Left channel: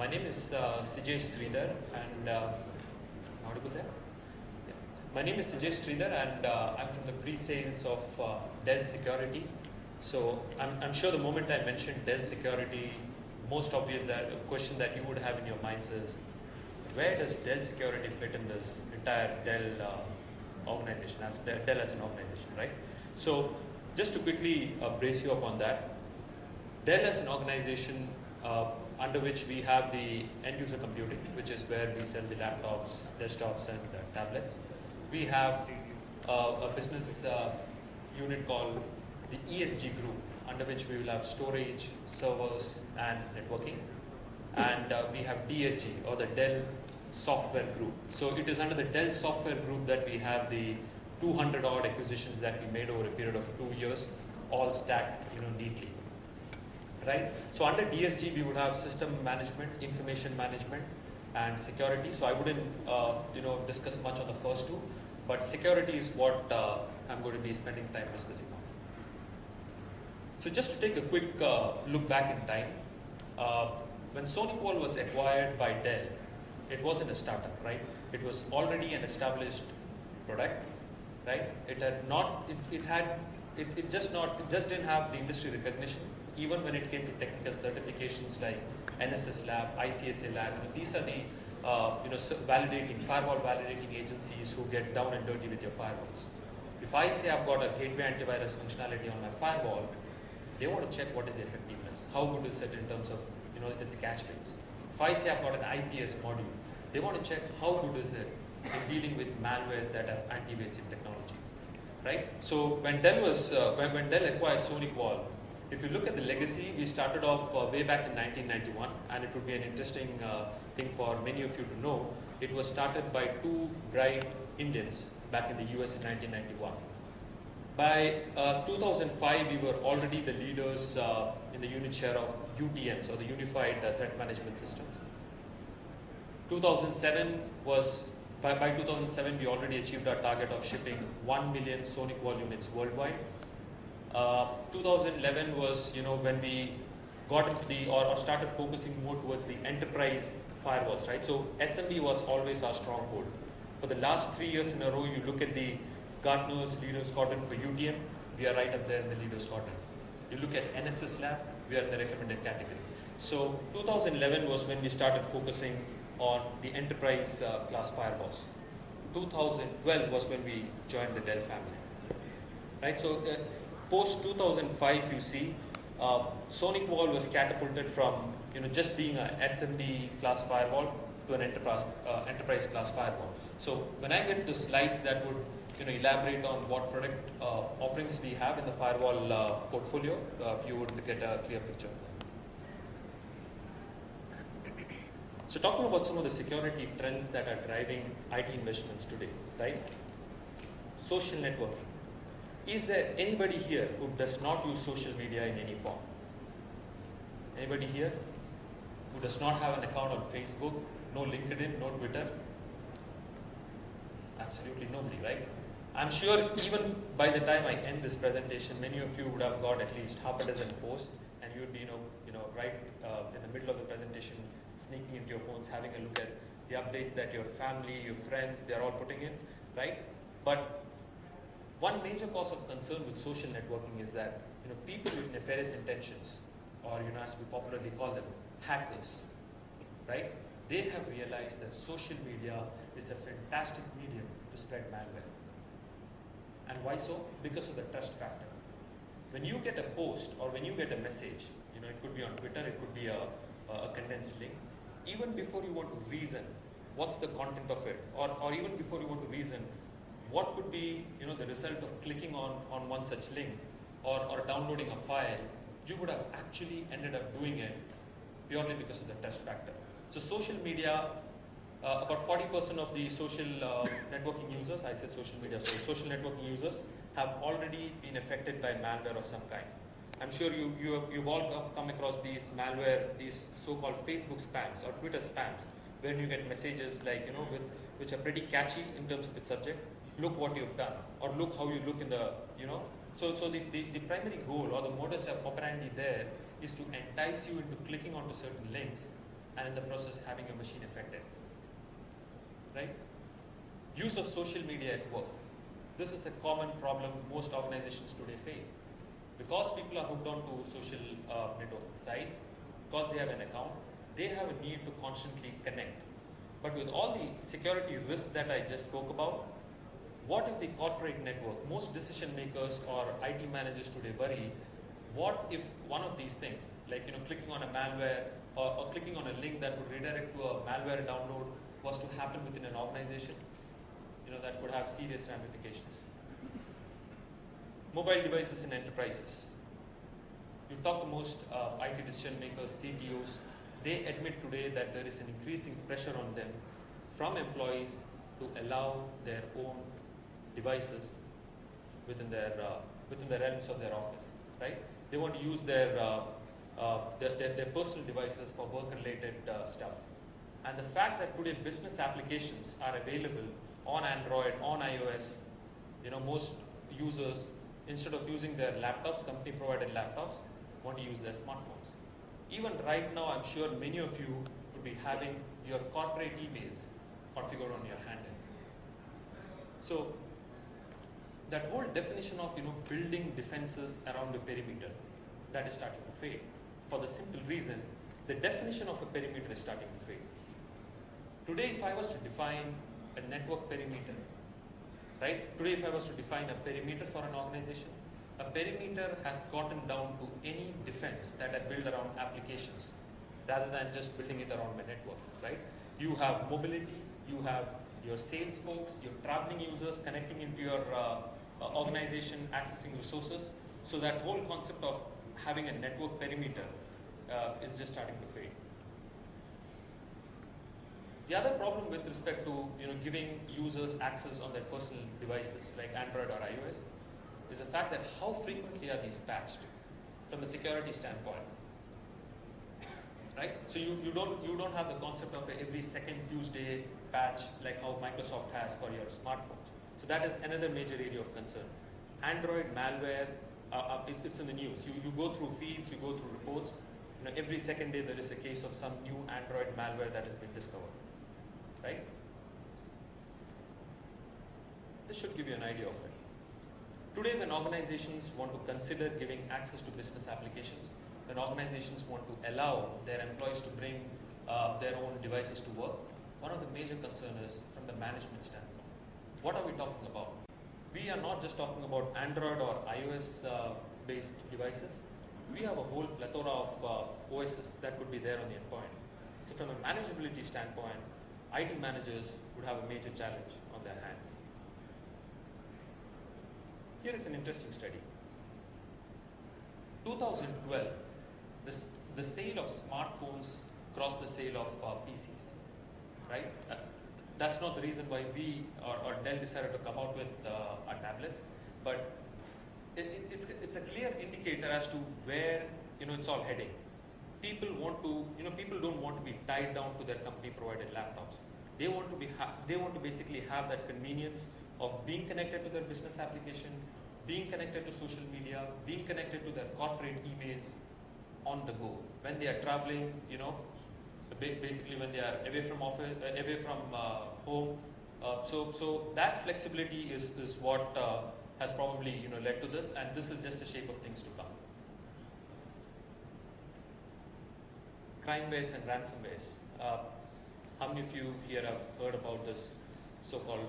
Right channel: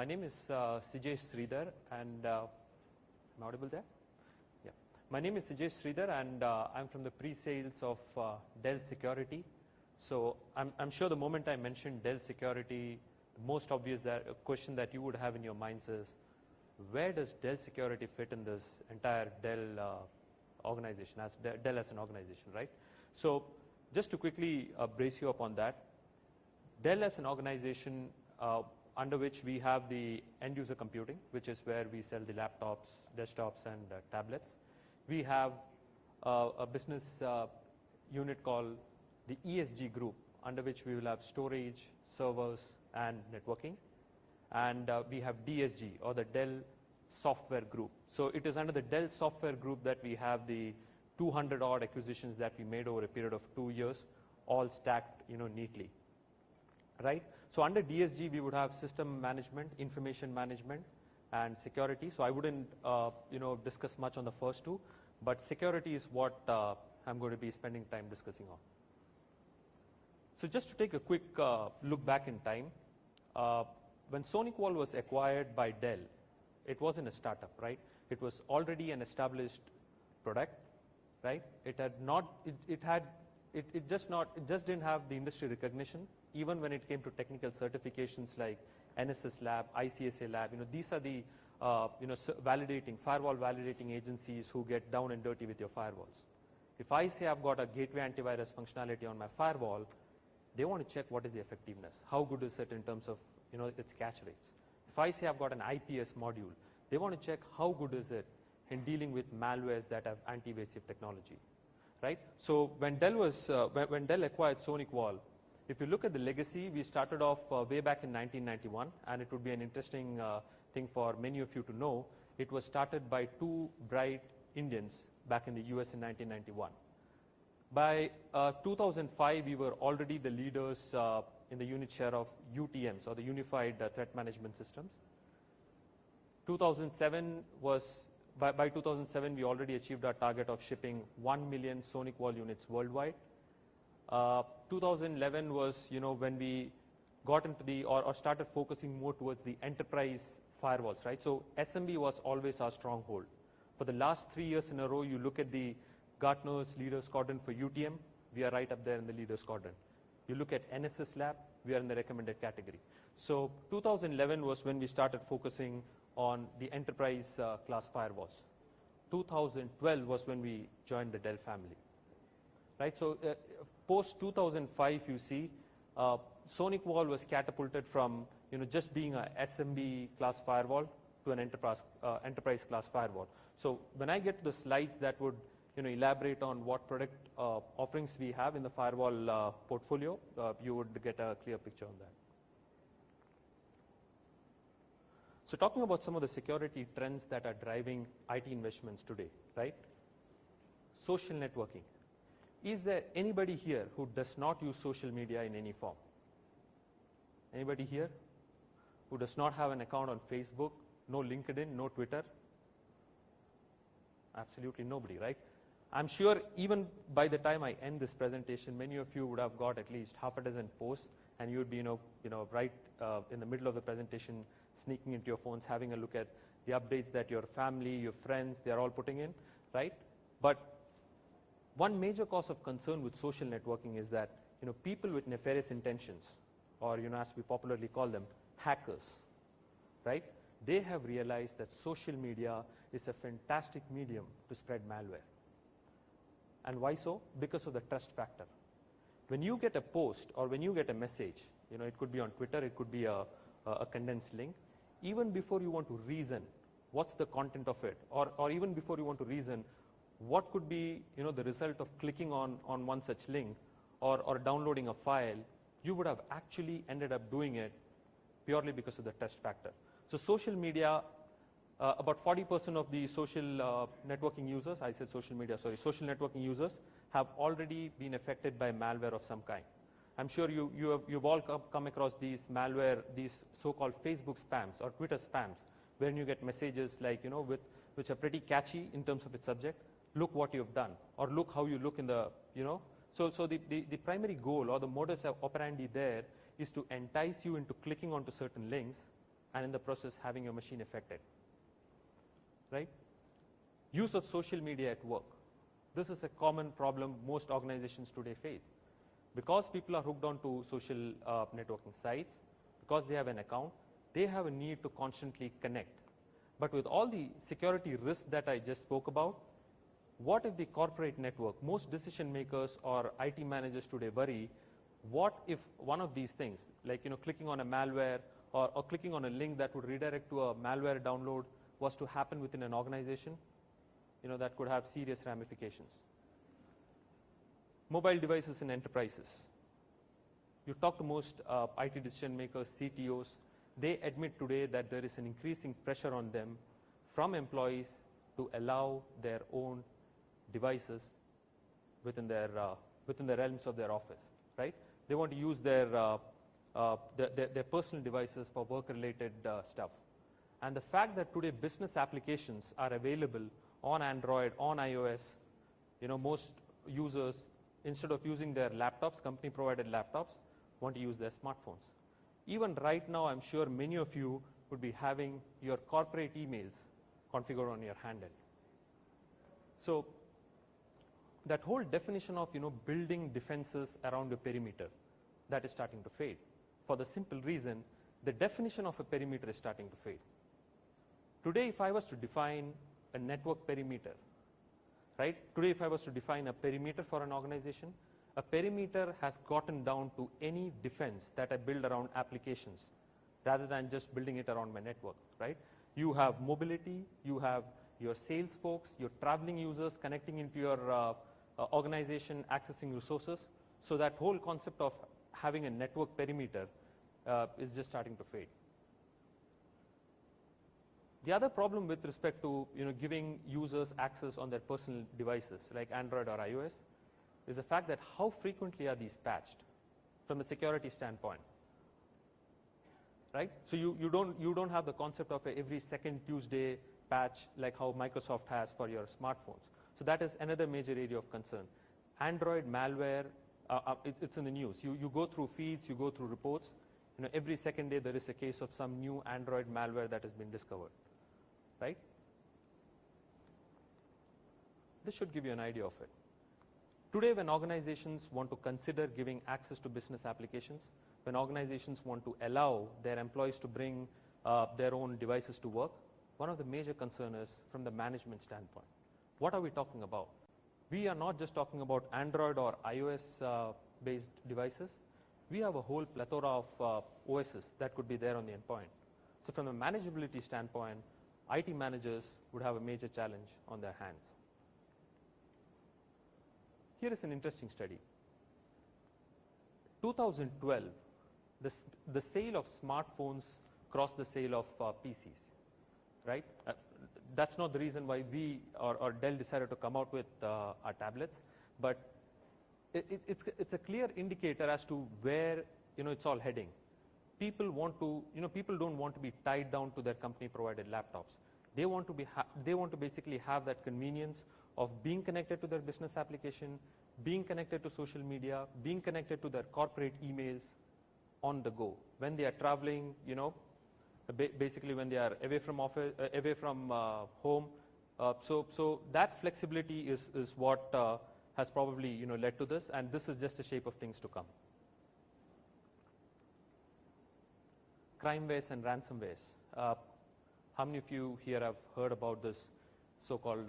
My name is Sridhar, and audible there? Yeah. My name is Sridhar, and I'm from the pre-sales of Dell Security. So I'm sure the moment I mentioned Dell Security, most obvious question that you would have in your minds is, where does Dell Security fit in this entire Dell organization, as Dell as an organization, right? So just to quickly brace you up on that, Dell as an organization under which we have the end user computing, which is where we sell the laptops, desktops, and tablets. We have a business unit called the ESG group, under which we will have storage, servers, and networking. And we have DSG, or the Dell Software Group. So it is under the Dell Software Group that we have the 200 odd acquisitions that we made over a period of 2 years, all stacked neatly. Right? So under DSG, we would have system management, information management, and security. So I wouldn't discuss much on the first two, but security is what I'm going to be spending time discussing on. So just to take a quick look back in time, when SonyQual was acquired by Dell, it wasn't a startup, right? It was already an established product, right? It just didn't have the industry recognition. Even when it came to technical certifications like NSS Lab, ICSA Lab, these are the firewall validating agencies who get down and dirty with your firewalls. If I say I've got a gateway antivirus functionality on my firewall, they want to check what is the effectiveness, how good is it in terms of its catch rates. If I say I've got an IPS module, they want to check how good is it in dealing with malwares that are anti-evasive technology, right? So when Dell acquired SonyQual, if you look at the legacy, we started off way back in 1991, and it would be an interesting thing for many of you to know. It was started by two bright Indians back in the US in 1991. By 2005, we were already the leaders in the unit share of UTMs, or the Unified Threat Management Systems. 2007 was, by 2007, we already achieved our target of shipping 1 million SonyQual units worldwide. 2011 was, when we got into or started focusing more towards the enterprise firewalls, right? So SME was always our stronghold. For the last 3 years in a row, you look at the Gartner's Leaders Quadrant for UTM, we are right up there in the Leaders Quadrant. You look at NSS Lab, we are in the recommended category. So 2011 was when we started focusing on the enterprise class firewalls. 2012 was when we joined the Dell family, right? So post 2005, you see, SonyQual was catapulted from just being an SMB class firewall to an enterprise class firewall. So when I get to the slides that would elaborate on what product offerings we have in the firewall portfolio, you would get a clear picture. So talking about some of the security trends that are driving IT investments today, right? Social networking. Is there anybody here who does not use social media in any form? Anybody here who does not have an account on Facebook, no LinkedIn, no Twitter? Absolutely nobody, right? I'm sure even by the time I end this presentation, many of you would have got at least half a dozen posts, and you'd be, right in the middle of the presentation, sneaking into your phones, having a look at the updates that your family, your friends, they're all putting in, right? But one major cause of concern with social networking is that people with nefarious intentions, or as we popularly call them, hackers, right? They have realized that social media is a fantastic medium to spread malware. And why so? Because of the trust factor. When you get a post or when you get a message, it could be on Twitter, it could be a condensed link, even before you want to reason what's the content of it, or even before you want to reason what could be the result of clicking on one such link or downloading a file, you would have actually ended up doing it purely because of the trust factor. So social media, about 40% of the social networking users, I said social media, sorry, social networking users have already been affected by malware of some kind. I'm sure you've all come across these malware, these so-called Facebook spams or Twitter spams, where you get messages like, which are pretty catchy in terms of its subject. Look what you've done, or look how you look in the, So the primary goal or the modus operandi there is to entice you into clicking onto certain links and in the process having a machine affected. Right? Use of social media at work. This is a common problem most organizations today face. Because people are hooked onto social networking sites, because they have an account, they have a need to constantly connect. But with all the security risks that I just spoke about, what if the corporate network, most decision makers or IT managers today worry, what if one of these things, like clicking on a malware or clicking on a link that would redirect to a malware download was to happen within an organization, that could have serious ramifications. Mobile devices in enterprises. You talk to most IT decision makers, CTOs, they admit today that there is an increasing pressure on them from employees to allow their own devices within the realms of their office, right? They want to use their personal devices for work-related stuff. And the fact that today business applications are available on Android, on iOS, most users, instead of using their laptops, company-provided laptops, want to use their smartphones. Even right now, I'm sure many of you would be having your corporate emails configured on your handle. So that whole definition of building defenses around the perimeter, that is starting to fade. For the simple reason, the definition of a perimeter is starting to fade. Today, if I was to define a network perimeter, right? Today, if I was to define a perimeter for an organization, a perimeter has gotten down to any defense that I build around applications, rather than just building it around my network, right? You have mobility, you have your sales folks, your traveling users connecting into your organization, accessing resources. So that whole concept of having a network perimeter is just starting to fade. The other problem with respect to giving users access on their personal devices like Android or iOS is the fact that how frequently are these patched from a security standpoint, right? So you don't have the concept of every second Tuesday patch like how Microsoft has for your smartphones. So that is another major area of concern. Android malware, it's in the news. You go through feeds, you go through reports. Every second day there is a case of some new Android malware that has been discovered, right? This should give you an idea of it. Today, when organizations want to consider giving access to business applications, when organizations want to allow their employees to bring their own devices to work, one of the major concerns is from the management standpoint. What are we talking about? We are not just talking about Android or iOS based devices. We have a whole plethora of OSs that could be there on the endpoint. So from a manageability standpoint, IT managers would have a major challenge on their hands. Here is an interesting study. 2012, the sale of smartphones crossed the sale of PCs, right? That's not the reason why we or Dell decided to come out with our tablets, but it's a clear indicator as to where it's all heading. People don't want to be tied down to their company-provided laptops. They want to basically have that convenience of being connected to their business application, being connected to social media, being connected to their corporate emails on the go. When they are traveling, basically when they are away from office, away from home. So that flexibility is what has probably led to this, and this is just a shape of things to come. Crimewares and ransomwares. How many of you here have heard about this so-called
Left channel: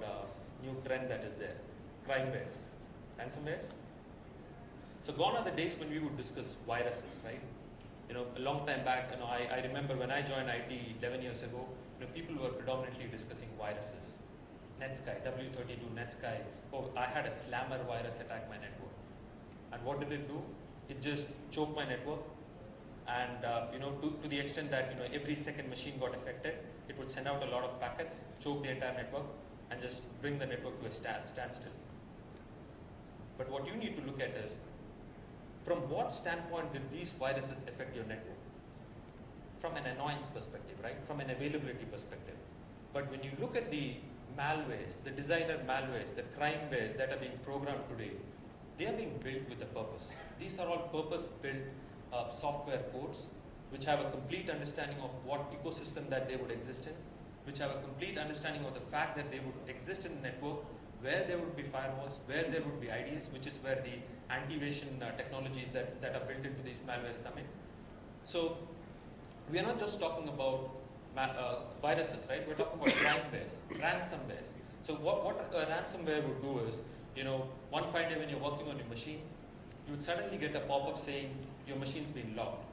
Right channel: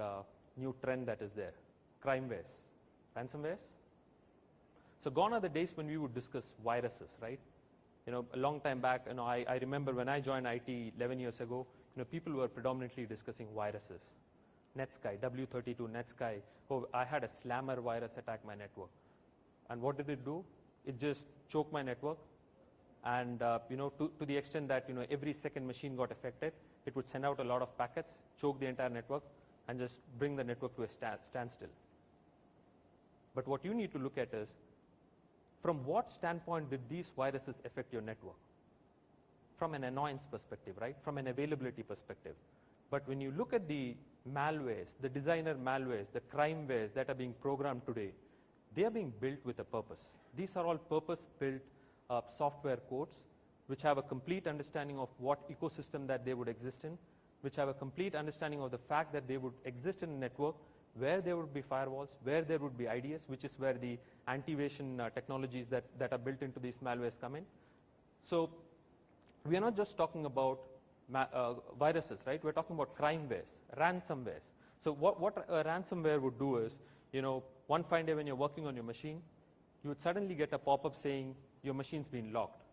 new trend that is there? Crimewares, ransomwares. So gone are the days when we would discuss viruses, right? A long time back, I remember when I joined IT 11 years ago, people were predominantly discussing viruses. NetSky, W32 NetSky. Oh, I had a slammer virus attack my network. And what did it do? It just choked my network. And to the extent that every second machine got affected, it would send out a lot of packets, choke the entire network, and just bring the network to a standstill. But what you need to look at is, from what standpoint did these viruses affect your network? From an annoyance perspective, right? From an availability perspective. But when you look at the malwares, the designer malwares, the crimewares that are being programmed today, they are being built with a purpose. These are all purpose-built software codes which have a complete understanding of what ecosystem that they would exist in, which have a complete understanding of the fact that they would exist in a network where there would be firewalls, where there would be IDS, which is where the anti-evasion technologies that are built into these malwares come in. So we are not just talking about viruses, right? We're talking about crimewares, ransomwares. So what a ransomware would do is, one fine day when you're working on your machine, you would suddenly get a pop-up saying your machine's been locked.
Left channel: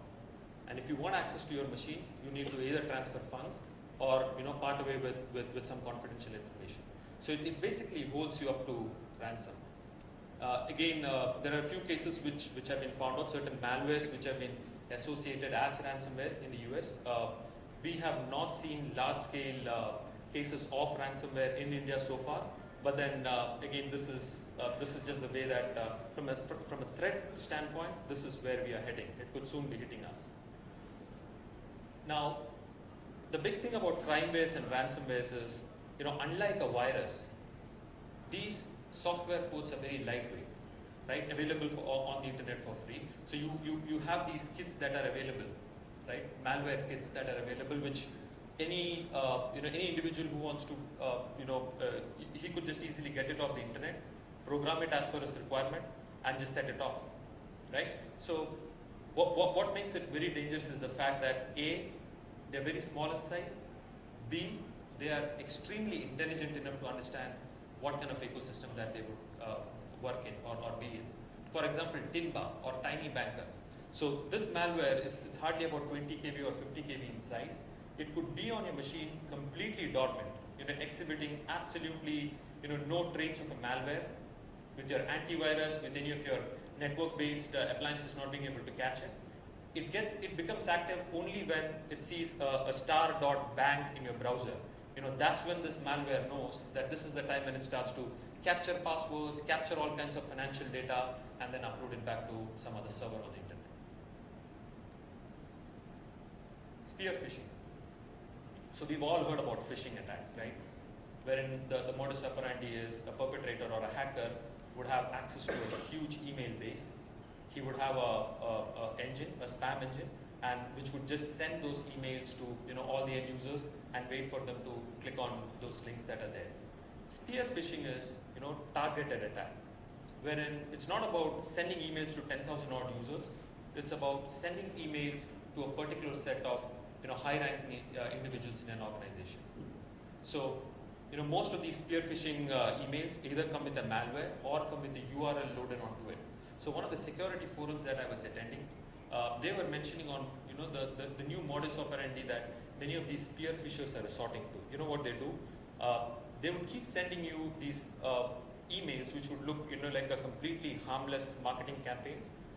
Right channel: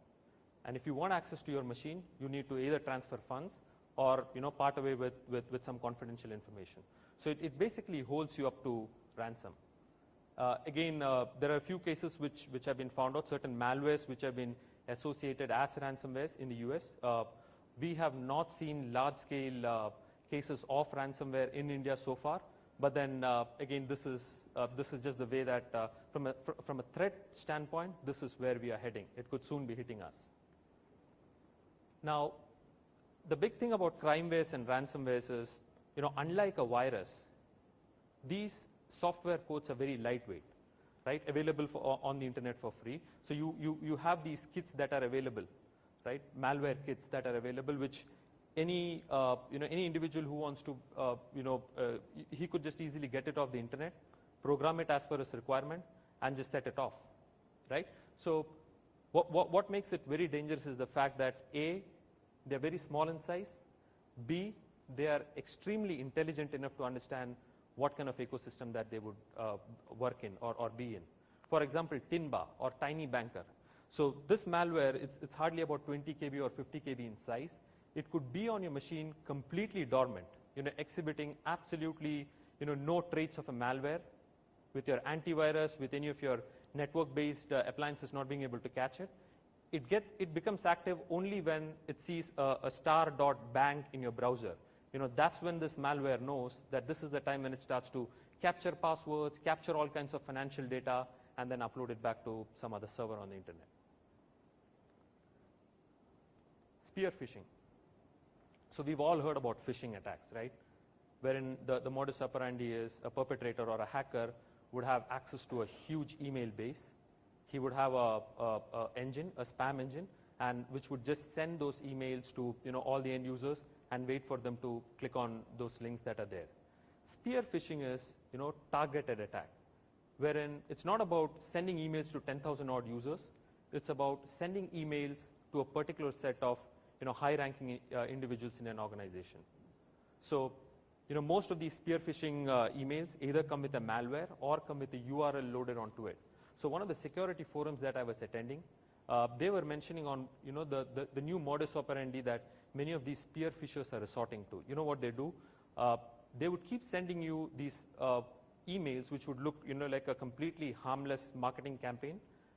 And if you want access to your machine, you need to either transfer funds or part away with some confidential information. So it basically holds you up to ransom. Again, there are a few cases which have been found out, certain malwares which have been associated as ransomwares in the US. We have not seen large-scale cases of ransomware in India so far. But then again, this is just the way that from a threat standpoint, this is where we are heading. It could soon be hitting us. Now, the big thing about crimewares and ransomwares is, unlike a virus, these software codes are very lightweight, right? Available on the internet for free. So you have these kits that are available, right? Malware kits that are available, which any individual who wants to, he could just easily get it off the internet, program it as per his requirement, and just set it off, right? So what makes it very dangerous is the fact that A, they're very small in size, B, they are extremely intelligent enough to understand what kind of ecosystem that they would work in or be in. For example, Timba or Tiny Banker. So this malware, it's hardly about 20 kb or 50 kb in size. It could be on your machine completely dormant, exhibiting absolutely no traits of a malware, with your antivirus, with any of your network-based appliances not being able to catch it. It becomes active only when it sees a star.bang in your browser. That's when this malware knows that this is the time when it starts to capture passwords, capture all kinds of financial data, and then upload it back to some other server on the internet. Spear phishing. So we've all heard about phishing attacks, right? Wherein the modus operandi is a perpetrator or a hacker would have access to a huge email base. He would have a spam engine, and which would just send those emails to all the end users and wait for them to click on those links that are there. Spear phishing is targeted attack, wherein it's not about sending emails to 10,000 odd users. It's about sending emails to a particular set of high-ranking individuals in an organization. So most of these spear phishing emails either come with a malware or come with the URL loaded onto it. So one of the security forums that I was attending, they were mentioning on the new modus operandi that many of these spear phishers are resorting to. You know what they do? They would keep sending you these emails which would look like a completely harmless marketing campaign,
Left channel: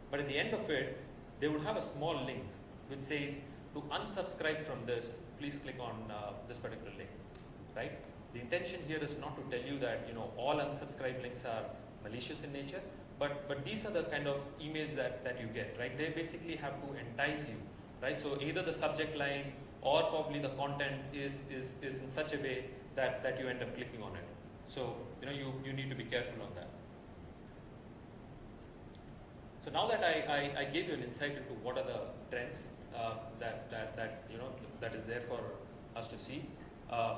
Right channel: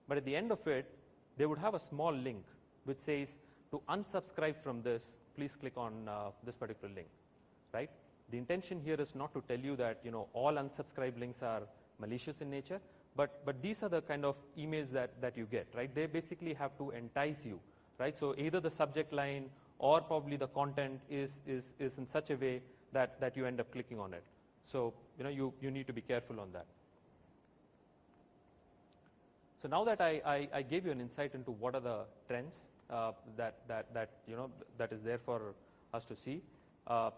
but at the end of it, they would have a small link which says, to unsubscribe from this, please click on this particular link, right? The intention here is not to tell you that all unsubscribe links are malicious in nature, but these are the kind of emails that you get, right? They basically have to entice you, right? So either the subject line or probably the content is in such a way that you end up clicking on it. So you need to be careful on that. So now that I gave you an insight into what are the trends that is there for us to see,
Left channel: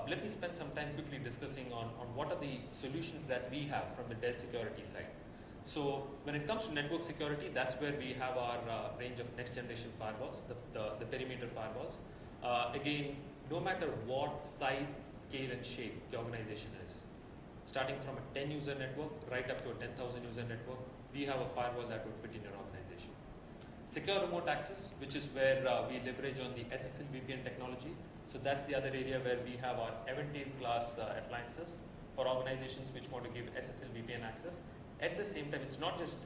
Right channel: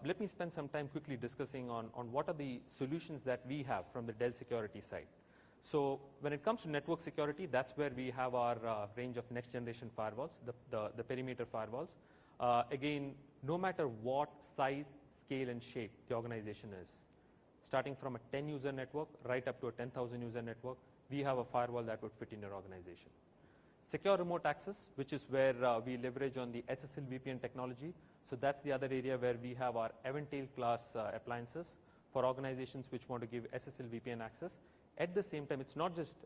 let me spend some time quickly discussing on what are the solutions that we have from the Dell security side. So when it comes to network security, that's where we have our range of next generation firewalls, the perimeter firewalls. Again, no matter what size, scale and shape the organization is, starting from a 10 user network right up to a 10,000 user network, we have a firewall that would fit in your organization. Secure remote access, which is where we leverage on the SSL VPN technology. So that's the other area where we have our Aventail class appliances for organizations which want to give SSL VPN access. At the same time, it's not just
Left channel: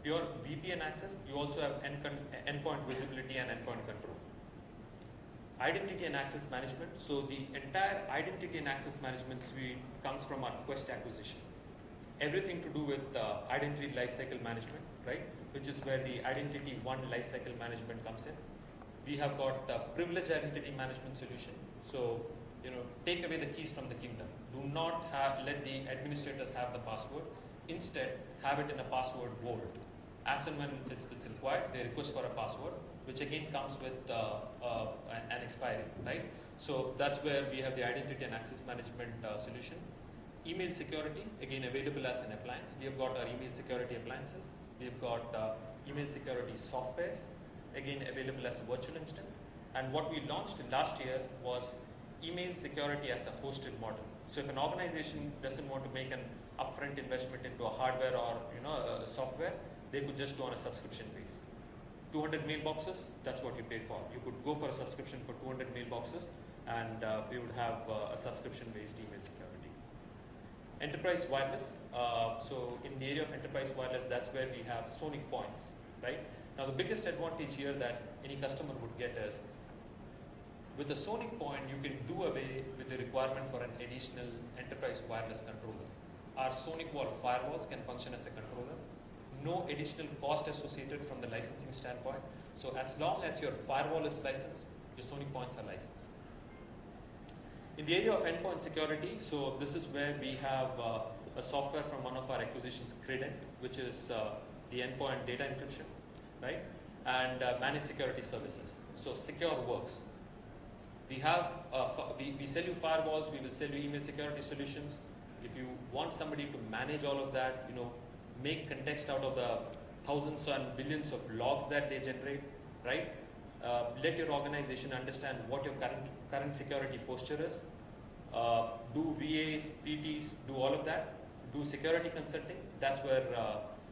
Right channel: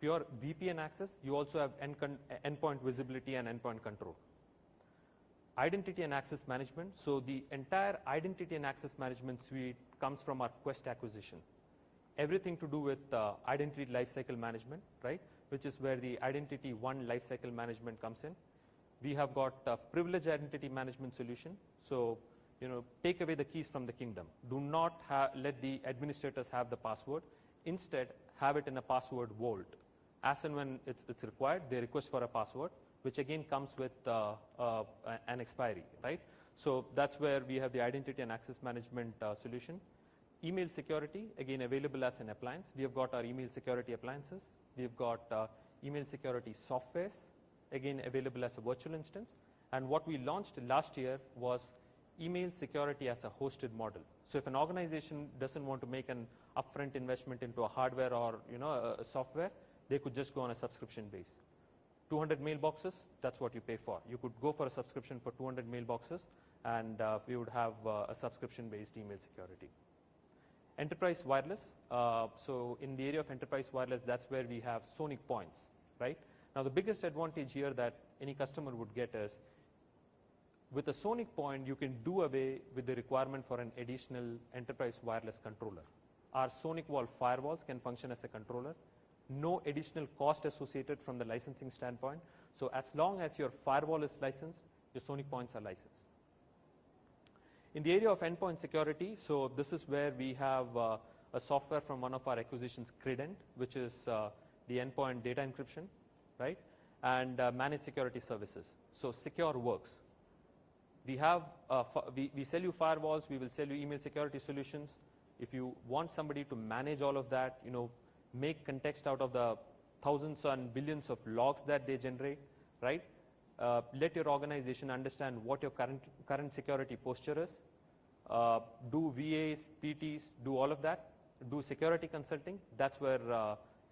pure VPN access, you also have endpoint visibility and endpoint control. Identity and access management. So the entire identity and access management suite comes from our Quest acquisition. Everything to do with identity lifecycle management, right? Which is where the Identity One lifecycle management comes in. We have got a privileged identity management solution. So, take away the keys from the kingdom. Do not let the administrators have the password. Instead, have it in a password vault. As and when it's required, they request for a password. which again comes with an expiry, right? So that's where we have the identity and access management solution. Email security, again available as an appliance. We have got our email security appliances. We've got email security softwares, again available as a virtual instance. And what we launched last year was email security as a hosted model. So if an organization doesn't want to make an upfront investment into a hardware or a software, they could just go on a subscription base. 200 mailboxes, that's what you pay for. You could go for a subscription for 200 mailboxes, and we would have a subscription-based email security. Enterprise wireless. So in the area of enterprise wireless, that's where we have Sonic points, right? Now the biggest advantage here that any customer would get is, with a Sonic point, you can do away with the requirement for an additional enterprise wireless controller. Our Sonic wall firewalls can function as a controller. No additional cost associated from the licensing standpoint. So as long as your firewall is licensed, your Sonic points are licensed. In the area of endpoint security, so this is where we have a software from one of our acquisitions, Credent, which is the endpoint data encryption, right? And managed security services. So SecureWorks. We have we sell you firewalls, we will sell you email security solutions. If you want somebody to manage all of that, make context out of the thousands and billions of logs that they generate, right? Let your organization understand what your current security posture is. Do VAs, PTs, do all of that. Do security consulting. That's where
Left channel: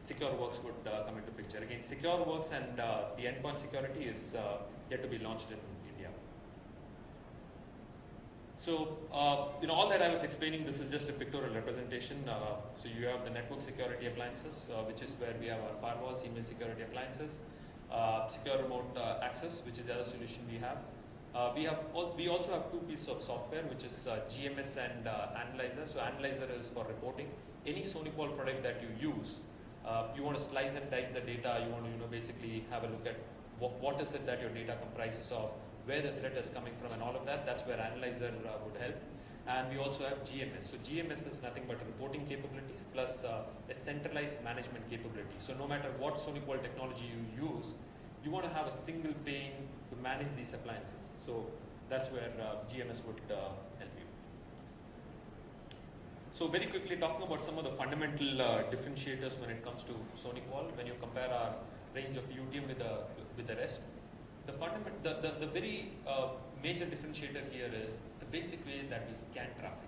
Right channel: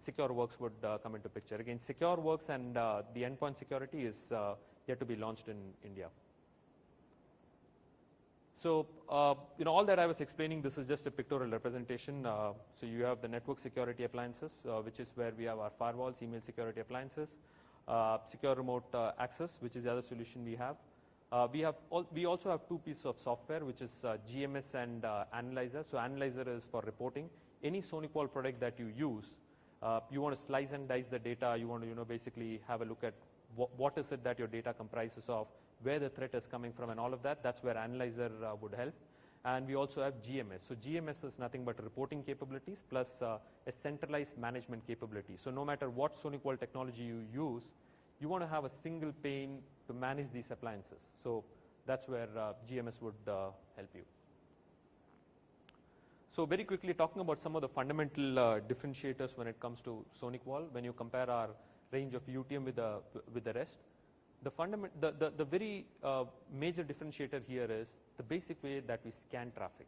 SecureWorks would come into picture. Again, SecureWorks and the endpoint security is yet to be launched in India. So, all that I was explaining, this is just a pictorial representation. So you have the network security appliances, which is where we have our firewalls, email security appliances, secure remote access, which is the other solution we have. We also have two pieces of software, which is GMS and Analyzer. So Analyzer is for reporting. Any SonyPol product that you use, you want to slice and dice the data. You want to basically have a look at what is it that your data comprises of, where the threat is coming from, and all of that. That's where Analyzer would help. And we also have GMS. So GMS is nothing but reporting capabilities plus a centralized management capability. So no matter what SonyPol technology you use, you want to have a single pane to manage these appliances. So that's where GMS would help you. So very quickly talking about some of the fundamental differentiators when it comes to SonyPol, when you compare our range of UTM with the rest. The very major differentiator here is the basic way that we scan traffic.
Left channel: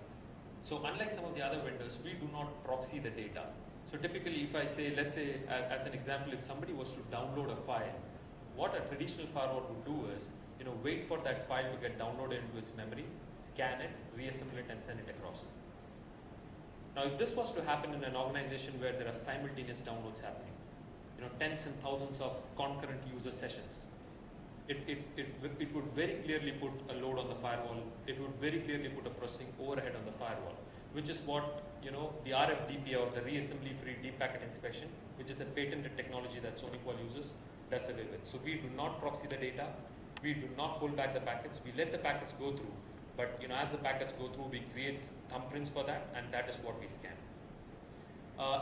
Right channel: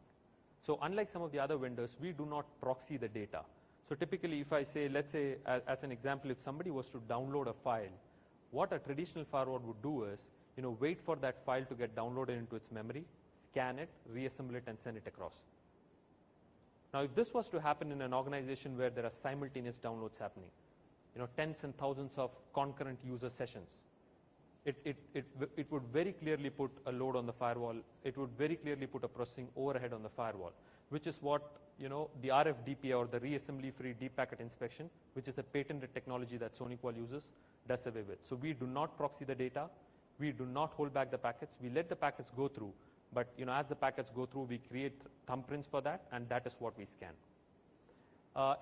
So unlike some of the other vendors, we do not proxy the data. So typically if I say, let's say as an example, if somebody was to download a file, what a traditional firewall would do is, wait for that file to get downloaded into its memory, scan it, reassemble it, and send it across. Now if this was to happen in an organization where there are simultaneous downloads happening, tens and thousands of concurrent user sessions, it would very clearly put a load on the firewall. It would very clearly put a processing overhead on the firewall, which is what the RFDPA or the reassembly-free deep packet inspection, which is a patented technology that SonyPol uses, does away with. So we do not proxy the data. We do not hold back the packets. We let the packets go through, but as the packets go through, we create thumbprints for that, and that is what we scan.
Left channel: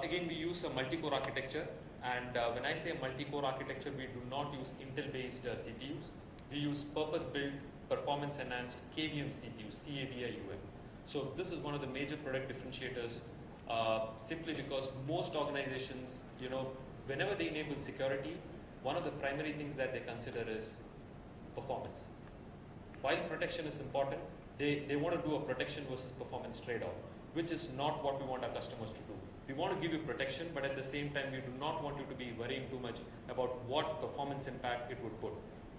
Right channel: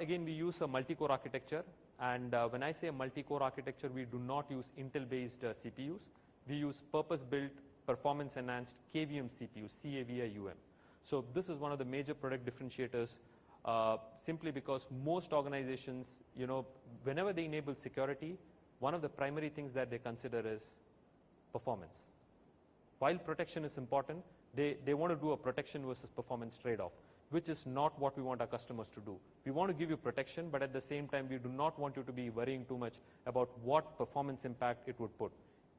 Again, we use a multi-core architecture. And when I say multi-core architecture, we do not use Intel-based CPUs. We use purpose-built, performance-enhanced KVM CPUs, CAVIUM. So this is one of the major product differentiators, simply because most organizations, whenever they enable security, one of the primary things that they consider is performance. While protection is important, they want to do a protection versus performance trade-off, which is not what we want our customers to do. We want to give you protection, but at the same time, we do not want you to be worrying too much about what performance impact it would put.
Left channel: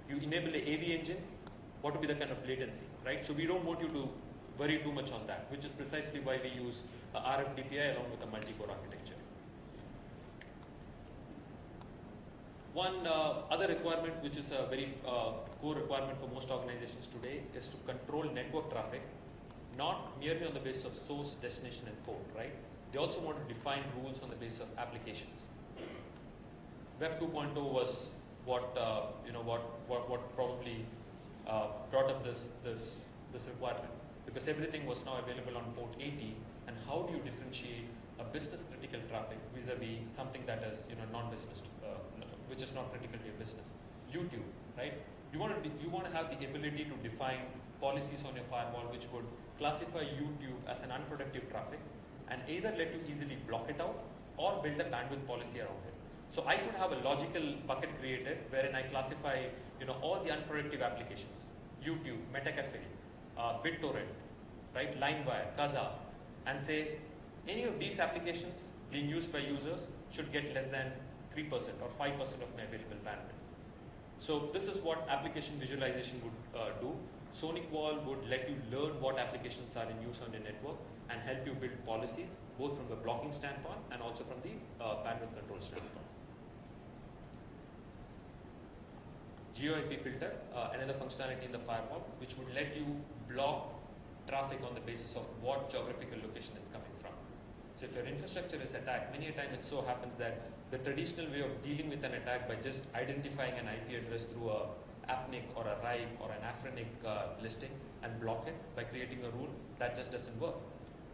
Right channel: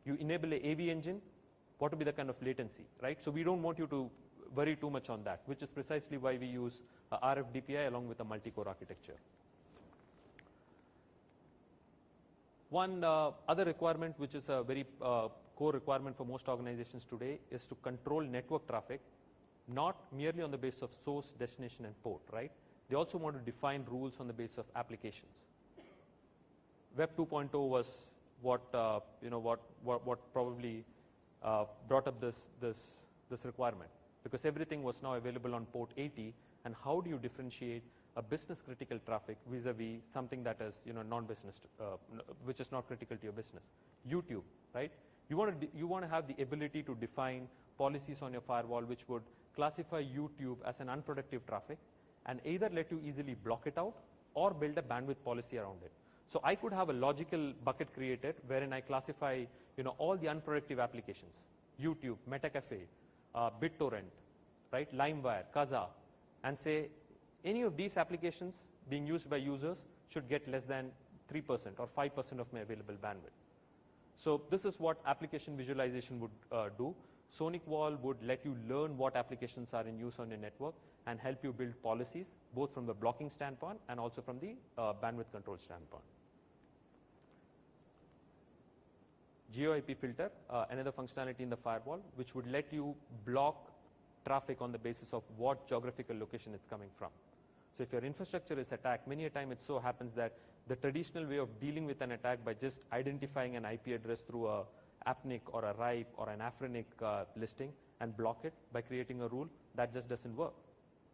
You enable an AV engine, what would be the kind of latency, right? So we don't want you to worry too much on that, which is precisely why we use RFDPI along with a multi-core architecture. One other requirement, which is a very core requirement for most organizations today, is to control network traffic, not merely on the basis of source, destination, and port, right? They also want to define rules on the basis of applications. Web 2.0 was what probably brought up this requirement, because everything was now available on port 80, and how do you differentiate a business critical traffic vis-a-vis something that is non-business, which is not critical to your business? YouTube, right? You want to have the ability to define policies on your firewall which would classify YouTube as an unproductive traffic and either let you easily block it out or build a bandwidth policy around it. So I could have a logical bucket created wherein I classify all the unproductive applications, YouTube, MetaCafe, BitTorrent, right, LimeWire, Kazaa, and say any of these applications being used by users should get less than 3% or 5% of my available bandwidth. So this is what application visualization would do. SonicWall would let you learn what applications are in use on your network and help you build policies, both from a blocking standpoint and also from the bandwidth control standpoint. GeoIP filter, another functionality in the firewall, which would let you block traffic on the basis of what geographical location it's coming from. So if your infrastructure is attacked, many a time it so happens that the traditional way of dealing with an attack by just identifying an IP address through a AppNick or a RIPE or an AfriNick listing and block it by creating a rule, that just doesn't work.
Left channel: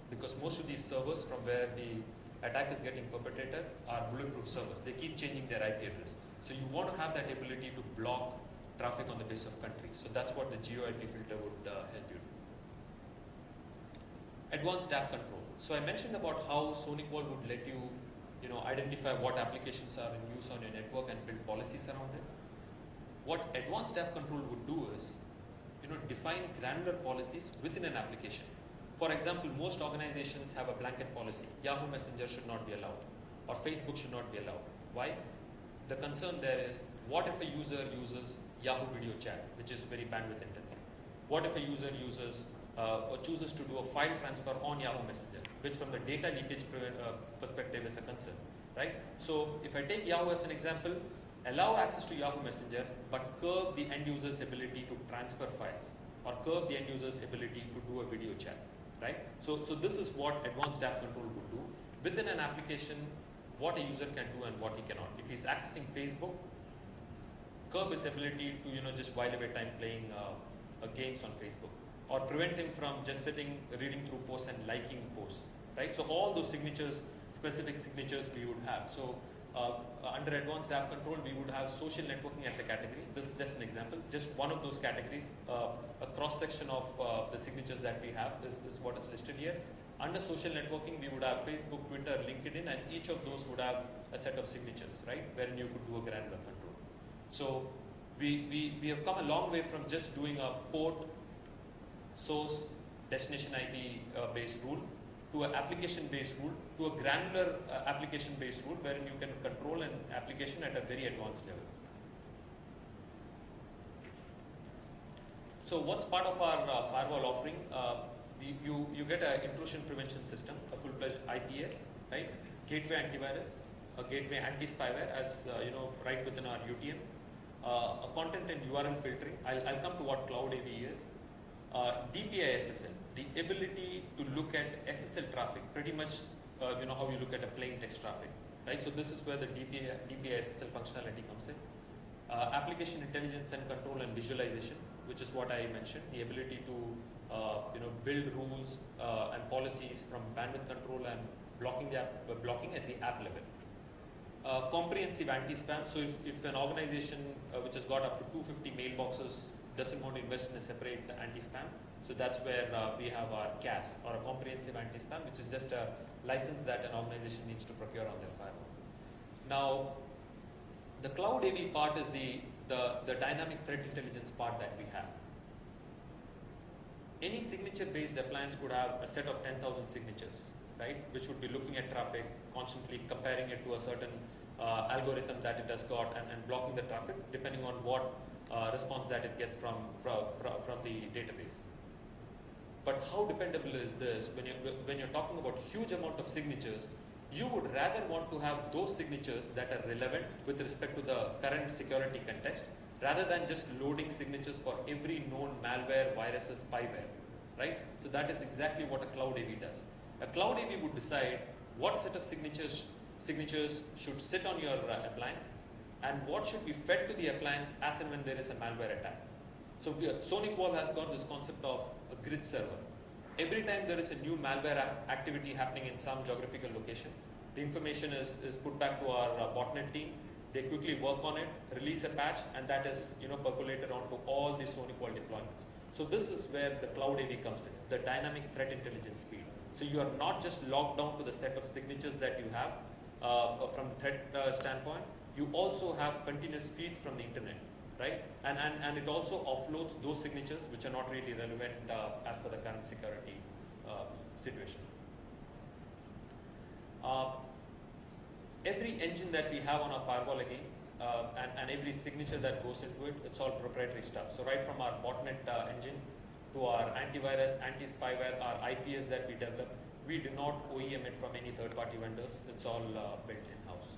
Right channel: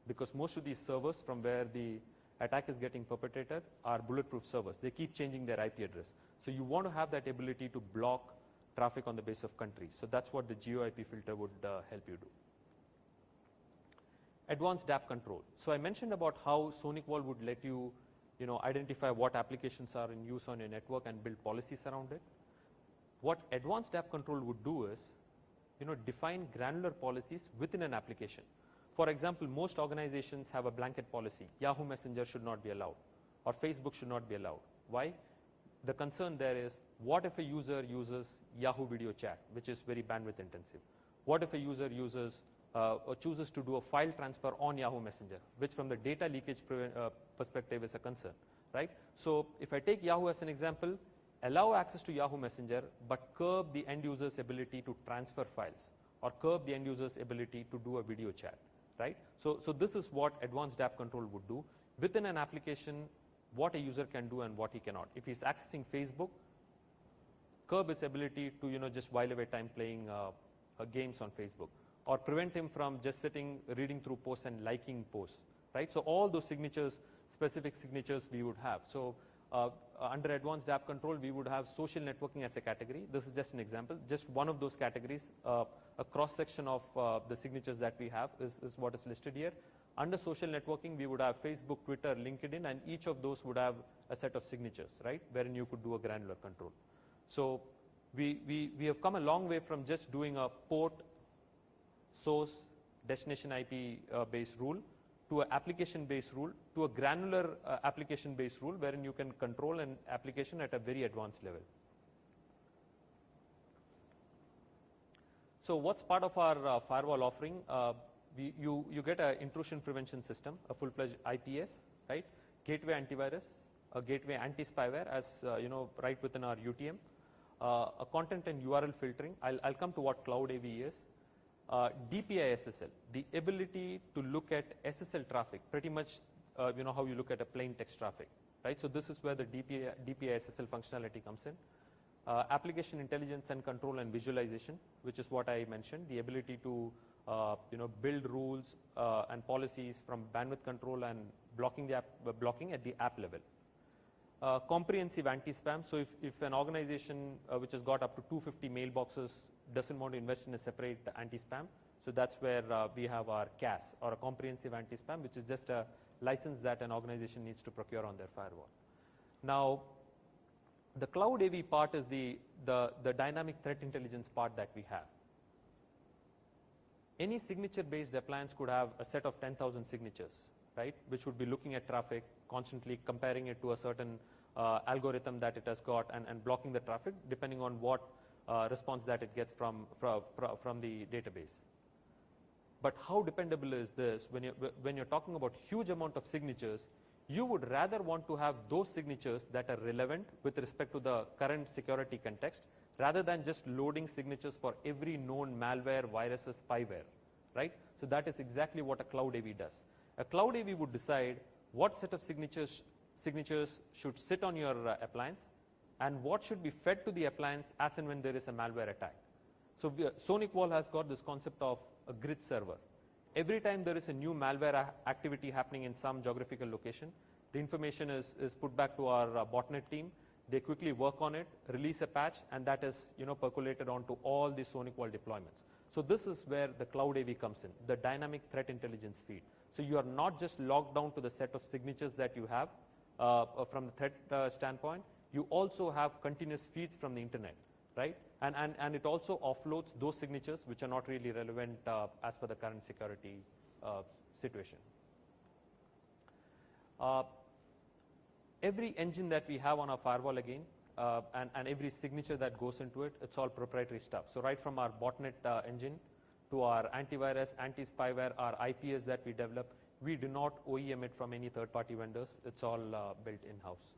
Because most of these servers from where the attack is getting perpetrated are bulletproof servers. They keep changing their IP address. So you want to have that ability to block traffic on the basis of countries. So that's what the GeoIP filter would help you do. Advanced app control. So I mentioned about how SonicWall would let you, identify what applications are in use on your network and build policies around it. What advanced app control would do is, define granular policies within an application. For example, most organizations have a blanket policy. Yahoo Messenger should not be allowed, or Facebook should not be allowed. Why? The concern there is, what if a user uses Yahoo Video Chat, which is very bandwidth intensive? What if a user uses or chooses to do a file transfer on Yahoo Messenger, which from the data leakage perspective is a concern, right? So if I take Yahoo as an example, allow access to Yahoo Messenger, but curb the end user's ability to transfer files, or curb the end user's ability to do a video chat, right? So this is what advanced app control would do. Within an application, what a user can do and what he cannot. If he's accessing Facebook, curb his ability to just while away time playing games on Facebook, or prevent him from just sitting, reading through posts and liking posts, right? So all those signatures, specific signatures we would have. So under advanced app control, we would have social networking as a category. This is just an example, just one of those categories, a cross-section of the signatures that we have. This is what is listed here. Under social networking, we would have Facebook, Twitter, LinkedIn, and each of those would have a set of signatures, right, wherein you could do a granular control. So we have come a long way from just doing a port, source, destination IP based rule to an application based rule to a granular application based rule wherein you can control an application at a very advanced level. So what's part of our firewall offering? You get an intrusion prevention system, a full-fledged IPS, right? Gateway antivirus, a gateway anti-spyware as right within our UTM, a content and URL filtering. I'll come to what Cloud AV is. DPI SSL, the ability to look at SSL traffic, pretty much how you look at a plain text traffic, right? So this is where the DPI SSL functionality comes in. Application intelligence and control and visualization, which is what I mentioned, the ability to build rules and policies from bandwidth control and blocking at the app level. Comprehensive anti-spam. So if an organization which has got up to 250 mailboxes doesn't want to invest in a separate anti-spam, so that's where we have our CAS, or a comprehensive anti-spam, which is just a license that an organization needs to procure on their firewall. Now, the cloud AV part is the dynamic threat intelligence part that we have. Any signature-based appliance could have a set of 10,000 signatures, right, which would be looking at traffic, constantly comparing it to a certain algorithm that it has got and blocking the traffic depending on what response that it gets from the database. But how dependable is this? When you're talking about huge amount of signatures, you would rather want to have those signatures that are relevant with respect to the current security context, rather than just loading signatures for every known malware, viruses, spyware, right? So that is exactly what a cloud AV does. A cloud AV would decide what set of signatures should sit on your appliance, and what should be fed to the appliance as and when there is a malware attack. So SonicWall has got this concept of a grid server. Every time there is a new malware activity happening in some geographical location, the information is put back to our botnet team. They quickly work on it, release a patch, and that is percolated onto all the SonyQual deployments. So this is where the cloud AV comes in, the dynamic threat intelligence feed. So you are not just locked down to the set of signatures that you have from the threat standpoint. You also have continuous feeds from the internet, right? And it also offloads those signatures which are not really relevant as per the current security situation. Every engine that we have on our firewall again, and every signature that goes into it, it's all proprietary stuff. So right from our botnet engine to our antivirus, anti-spyware, our IPS that we develop, we do not OEM it from any third-party vendors. It's all built in-house.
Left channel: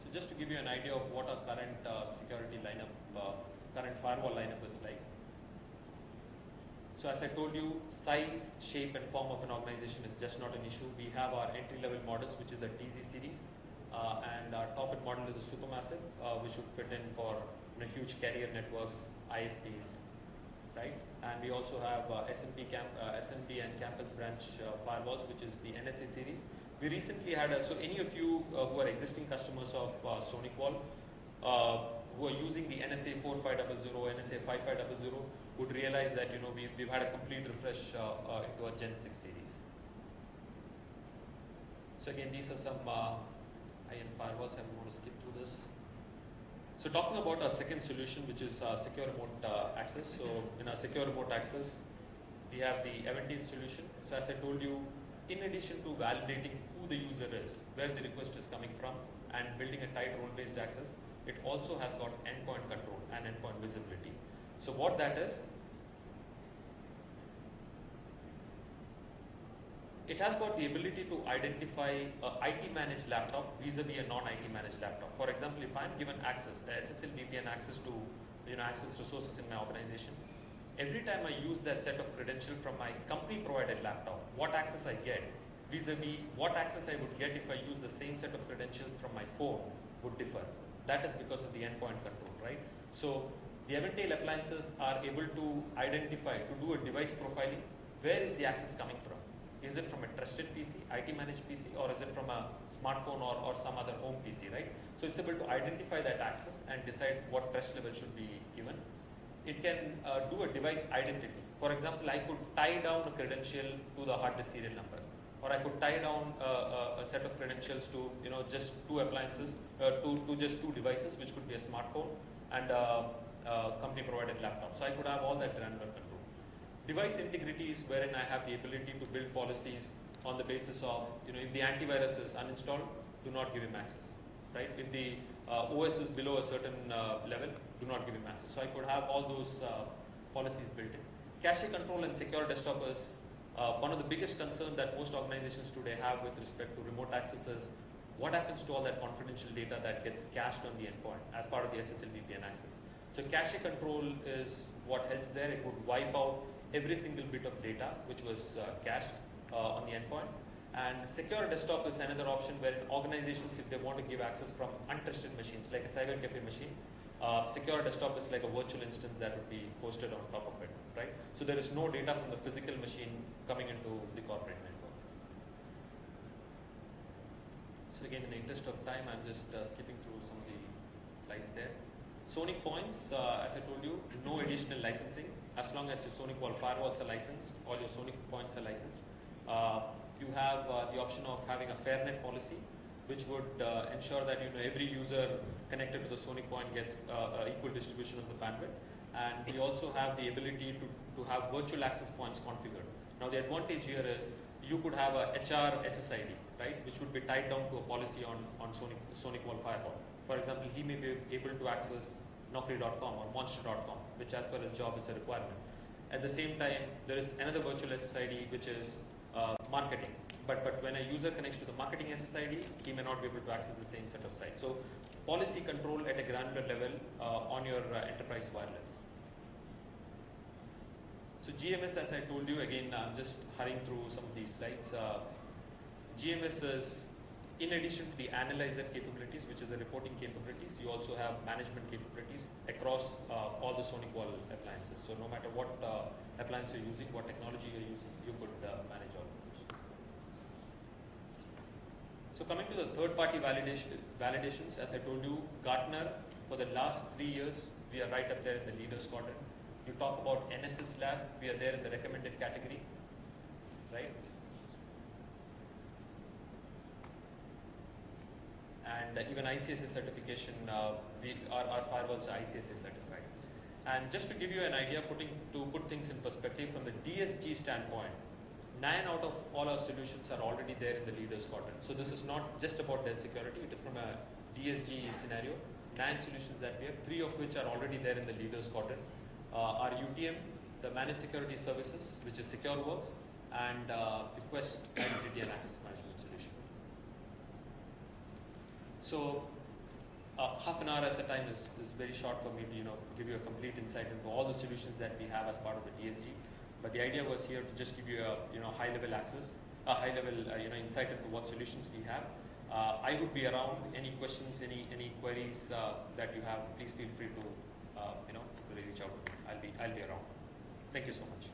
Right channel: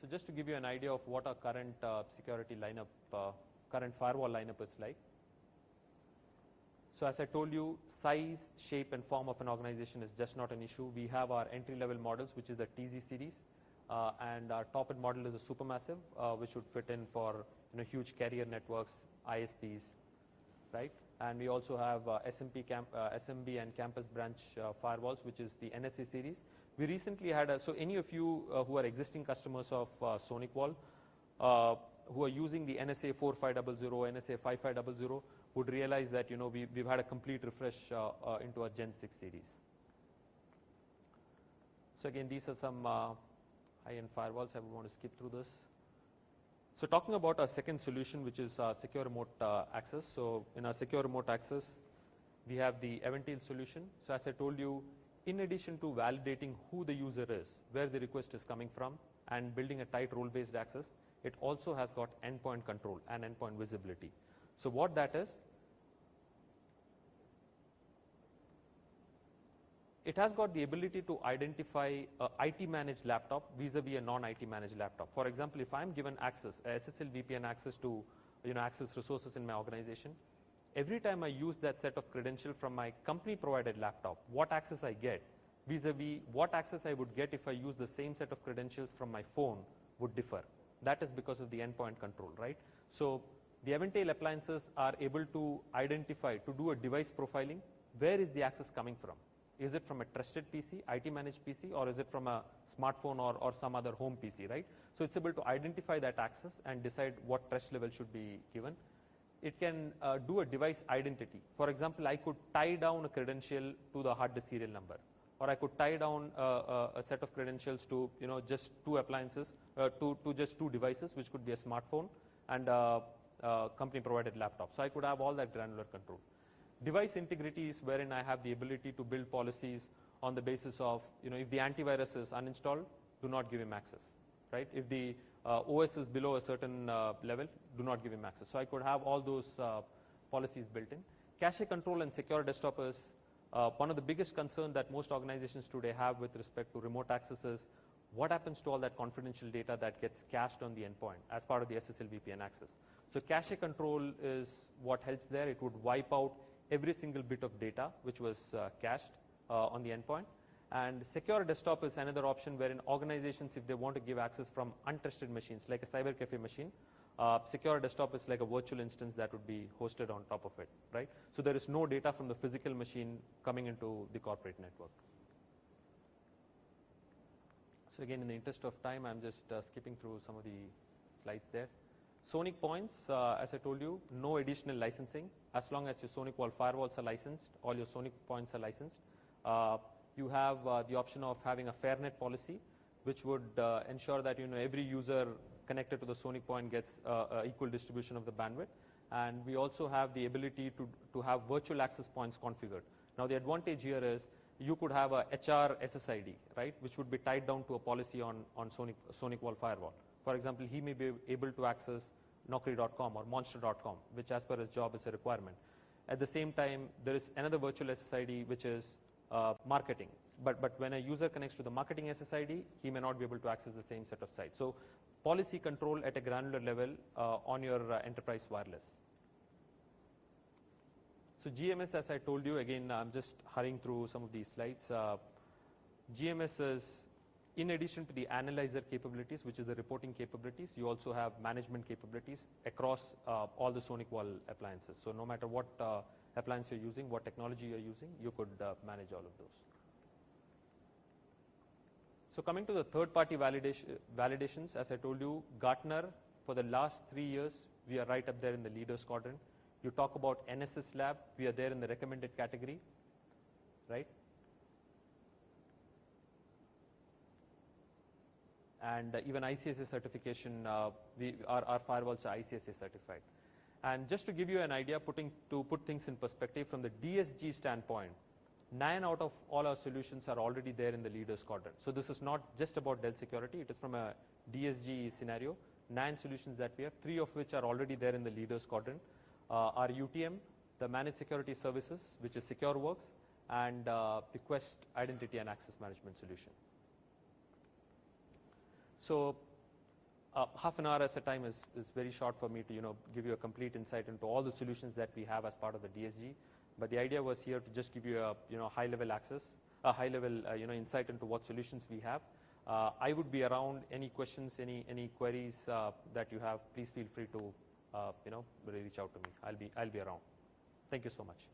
So just to give you an idea of what our current security lineup, current firewall lineup is like. So as I told you, size, shape, and form of an organization is just not an issue. We have our entry-level models, which is a TZ series, and our top-end model is a supermassive, which would fit in for huge carrier networks, ISPs, right? And we also have SMB and campus branch firewalls, which is the NSA series. We recently had, so any of you who are existing customers of SonyQual, who are using the NSA 4500, NSA 5500, would realize that we've had a complete refresh into a Gen 6 series. So again, these are some high-end firewalls. I want to skip through this. So talking about our second solution, which is secure remote access. So in our secure remote access, we have the Eventine solution. So as I told you, in addition to validating who the user is, where the request is coming from, and building a tight role-based access, it also has got endpoint control and endpoint visibility. So what that is, it has got the ability to identify a IT managed laptop vis-a-vis a non-IT managed laptop. For example, if I'm given access, SSL VPN access to access resources in my organization, every time I use that set of credentials from my company provided laptop, what access I get vis-a-vis what access I would get if I use the same set of credentials from my phone would differ. That is because of the endpoint control, right? So the Eventile appliances are able to identify, to do a device profiling, where is the access coming from? Is it from a trusted PC, IT managed PC, or is it from a smartphone or some other home PC, right? So it's able to identify that access and decide what trust level should be given. It can do a device identity. For example, I could tie down a credential to the hard disk serial number, or I could tie down a set of credentials to just two appliances, to just two devices, which could be a smartphone and a company provided laptop. So I could have all that granular control. Device integrity is wherein I have the ability to build policies on the basis of, if the antivirus is uninstalled, do not give him access, right? If the OS is below a certain level, do not give him access. So I could have all those policies built in. Cache control and secure desktop is one of the biggest concerns that most organizations today have with respect to remote access is what happens to all that confidential data that gets cached on the endpoint as part of the SSL VPN access. So cache control is what helps there. It would wipe out every single bit of data which was cached on the endpoint. And secure desktop is another option where organizations, if they want to give access from untested machines, like a cyber cafe machine, secure desktop is like a virtual instance that would be hosted on top of it, right? So there is no data from the physical machine coming into the corporate network. So again, in the interest of time, I'm just skipping through some of the slides there. Sony points, as I told you, no additional licensing. As long as your SonyQual firewalls are licensed, all your Sony points are licensed. You have the option of having a fairnet policy, which would ensure that every user connected to the Sony point gets equal distribution of the bandwidth. And we also have the ability to have virtual access points configured. Now the advantage here is you could have a HR SSID, right, which would be tied down to a policy on SonyQual firewall. For example, he may be able to access Naukri.com or Monster.com, which as per his job is a requirement. At the same time, there is another virtual SSID, which is marketing. But when a user connects to the marketing SSID, he may not be able to access the same set of sites. So policy control at a granular level on your enterprise wireless. So GMS, as I told you, again, I'm just hurrying through some of these slides. GMS is, in addition to the analyzer capabilities, which is the reporting capabilities, you also have management capabilities across all the SonyQual appliances. So no matter what appliance you're using, what technology you're using, you could manage all of those. So coming to the third-party validations, as I told you, Gartner, for the last 3 years, we are right up there in the leaders quadrant. You talk about NSS Lab, we are there in the recommended category, right? And even ICSA certification, our firewalls are ICSA certified. And just to give you an idea, to put things in perspective, from the DSG standpoint, 9 out of all our solutions are already there in the leaders quadrant. So this is not just about Dell security, it is from a DSG scenario. 9 solutions that we have, 3 of which are already there in the leaders quadrant. Our UTM, the managed security services, which is SecureWorks, and request identity and access management solution. So half an hour as a time is very short for me to give you a complete insight into all the solutions that we have as part of the DSG. But the idea was here to just give you a high level access, a high level insight into what solutions we have. I would be around. Any questions, any queries that you have, please feel free to reach out to me. I'll be around. Thank you so much.